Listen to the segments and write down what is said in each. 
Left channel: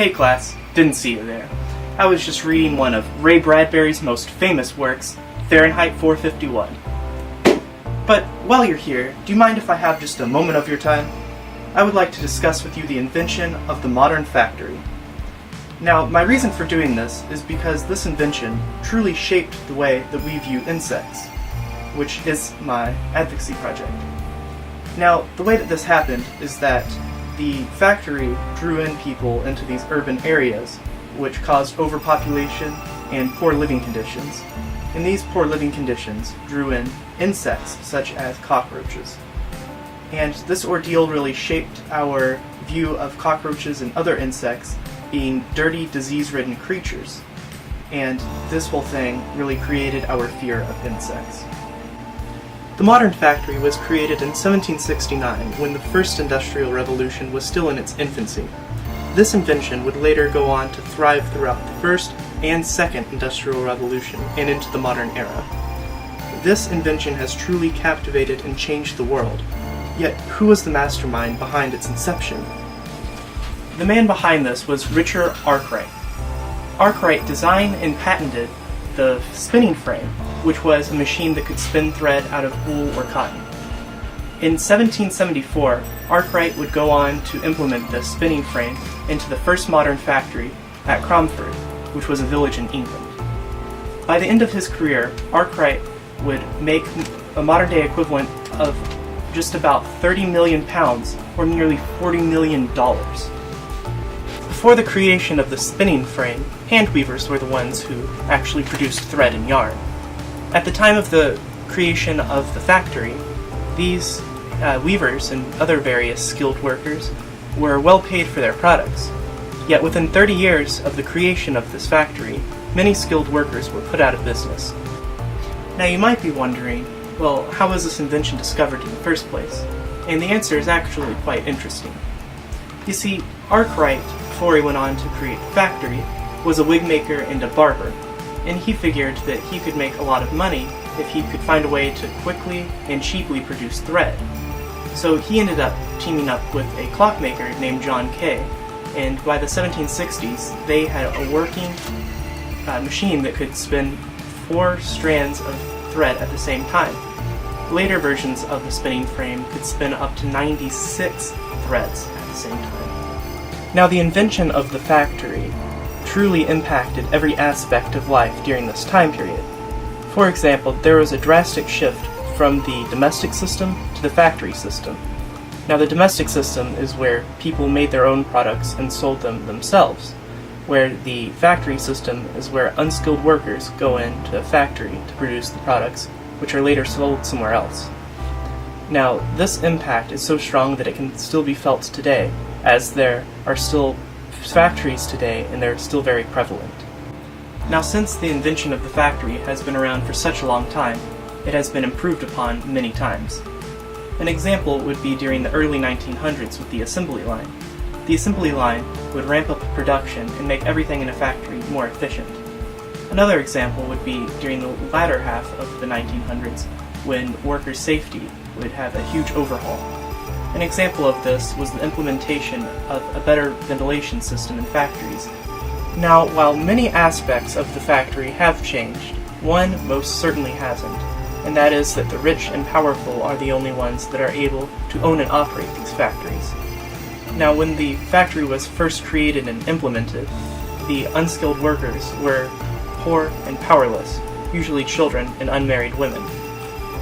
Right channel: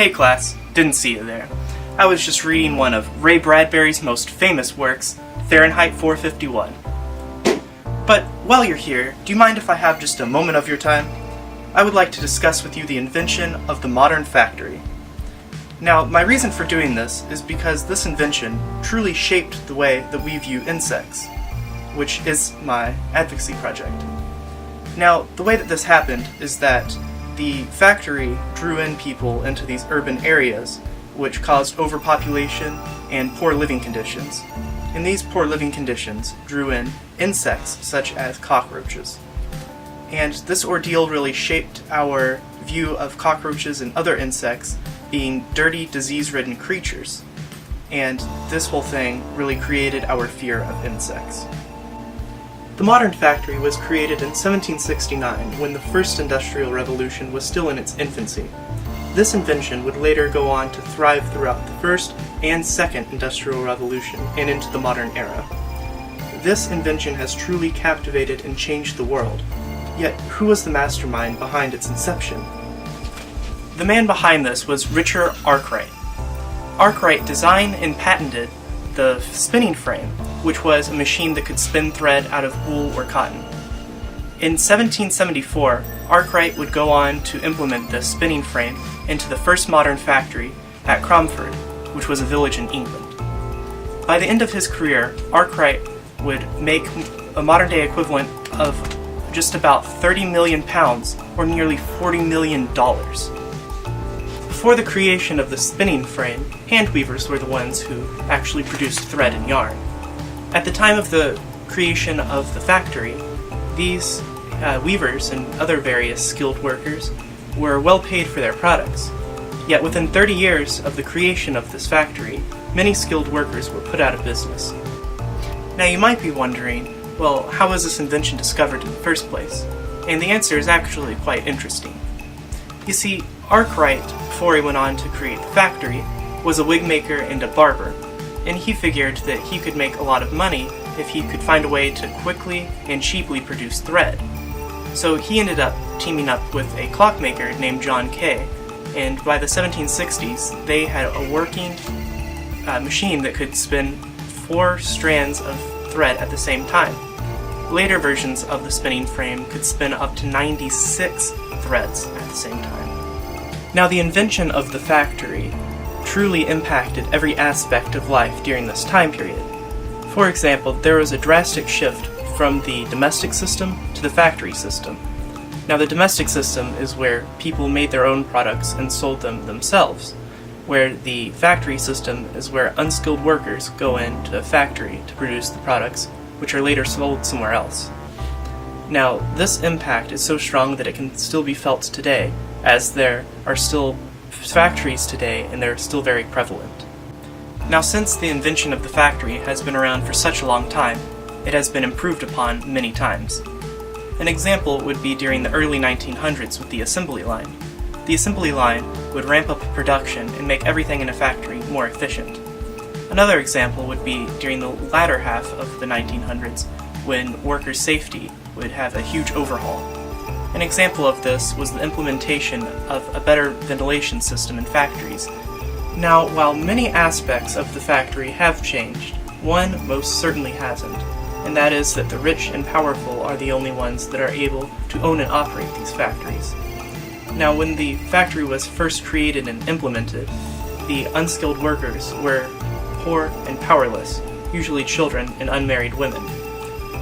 Hey class, didn't see you there. I was just reading one of Ray Bradbury's most famous works, Fahrenheit 451. But while you're here, do you mind if I have just a moment of your time? I would like to discuss with you the invention of the modern factory. Now, my reason for doing this is because this invention truly shaped the way that we view insects, which is my advocacy project. Now, the way that this happened is that the factory drew in people into these urban areas, which caused overpopulation and poor living conditions. And these poor living conditions drew in insects such as cockroaches. And this ordeal really shaped our view of cockroaches and other insects being dirty, disease-ridden creatures. And this whole thing really created our fear of insects. The modern factory was created in 1769, when the first industrial revolution was still in its infancy. This invention would later go on to thrive throughout the first and second industrial revolution and into the modern era. This invention has truly captivated and changed the world. Yet, who was the mastermind behind its inception? The man behind this was Richard Arkwright. Arkwright designed and patented the spinning frame, which was a machine that could spin thread out of wool or cotton. In 1774, Arkwright would go on to implement the spinning frame into the first modern factory at Cromford, which was a village in England. By the end of his career, Arkwright would make a modern-day equivalent of just about 30 million pounds, or nearly $40 million. Before the creation of the spinning frame, hand weavers were the ones who actually produced thread and yarn. At the time of the creation of the factory, these weavers and other various skilled workers were well paid for their products. Yet within 30 years of the creation of this factory, many skilled workers were put out of business. Now you might be wondering, well, how was this invention discovered in the first place? And the answer is actually quite interesting. You see, Arkwright, before he went on to create the factory, was a wig maker and a barber, and he figured that he could make a lot of money if he could find a way to quickly and cheaply produce thread. So he ended up teaming up with a clockmaker named John Kay, and by the 1760s they had a working machine that could spin 4 strands of thread at the same time. Later versions of the spinning frame could spin up to 96 threads at the same time. Now, the invention of the factory truly impacted every aspect of life during this time period. For example, there was a drastic shift from the domestic system to the factory system. Now, the domestic system is where people made their own products and sold them themselves, where the factory system is where unskilled workers go into a factory to produce the products, which are later sold somewhere else. Now, this impact is so strong that it can still be felt today, as there are still factories today and they're still very prevalent. Now, since the invention of the factory has been around for such a long time, it has been improved upon many times. An example would be during the early 1900s with the assembly line. The assembly line would ramp up production and make everything in a factory more efficient. Another example would be during the latter half of the 1900s, when worker safety would have a huge overhaul. An example of this was the implementation of a better ventilation system in factories. Now, while many aspects of the factory have changed, one most certainly hasn't, and that is that the rich and powerful are the only ones that are able to own and operate these factories. Now, when the factory was first created and implemented, the unskilled workers were poor and powerless, usually children and unmarried women.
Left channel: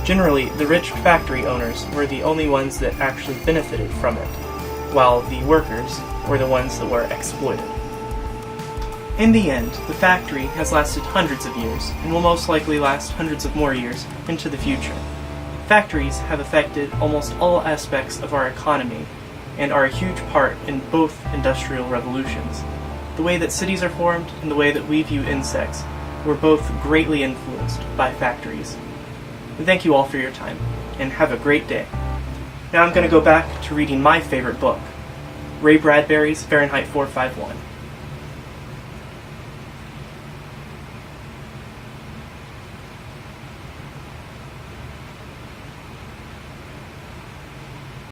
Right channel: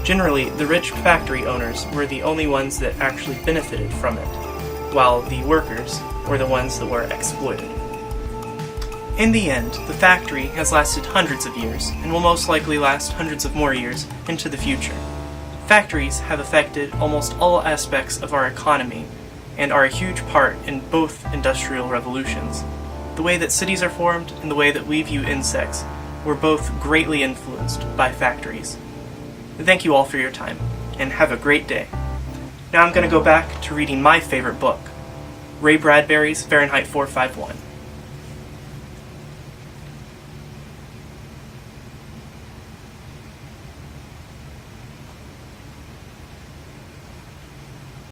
Generally, the rich factory owners were the only ones that actually benefited from it, while the workers were the ones that were exploited. In the end, the factory has lasted hundreds of years, and will most likely last hundreds of more years into the future. Factories have affected almost all aspects of our economy, and are a huge part in both industrial revolutions. The way that cities are formed and the way that we view insects were both greatly influenced by factories. Thank you all for your time, and have a great day. Now I'm going to go back to reading my favorite book, Ray Bradbury's Fahrenheit 451.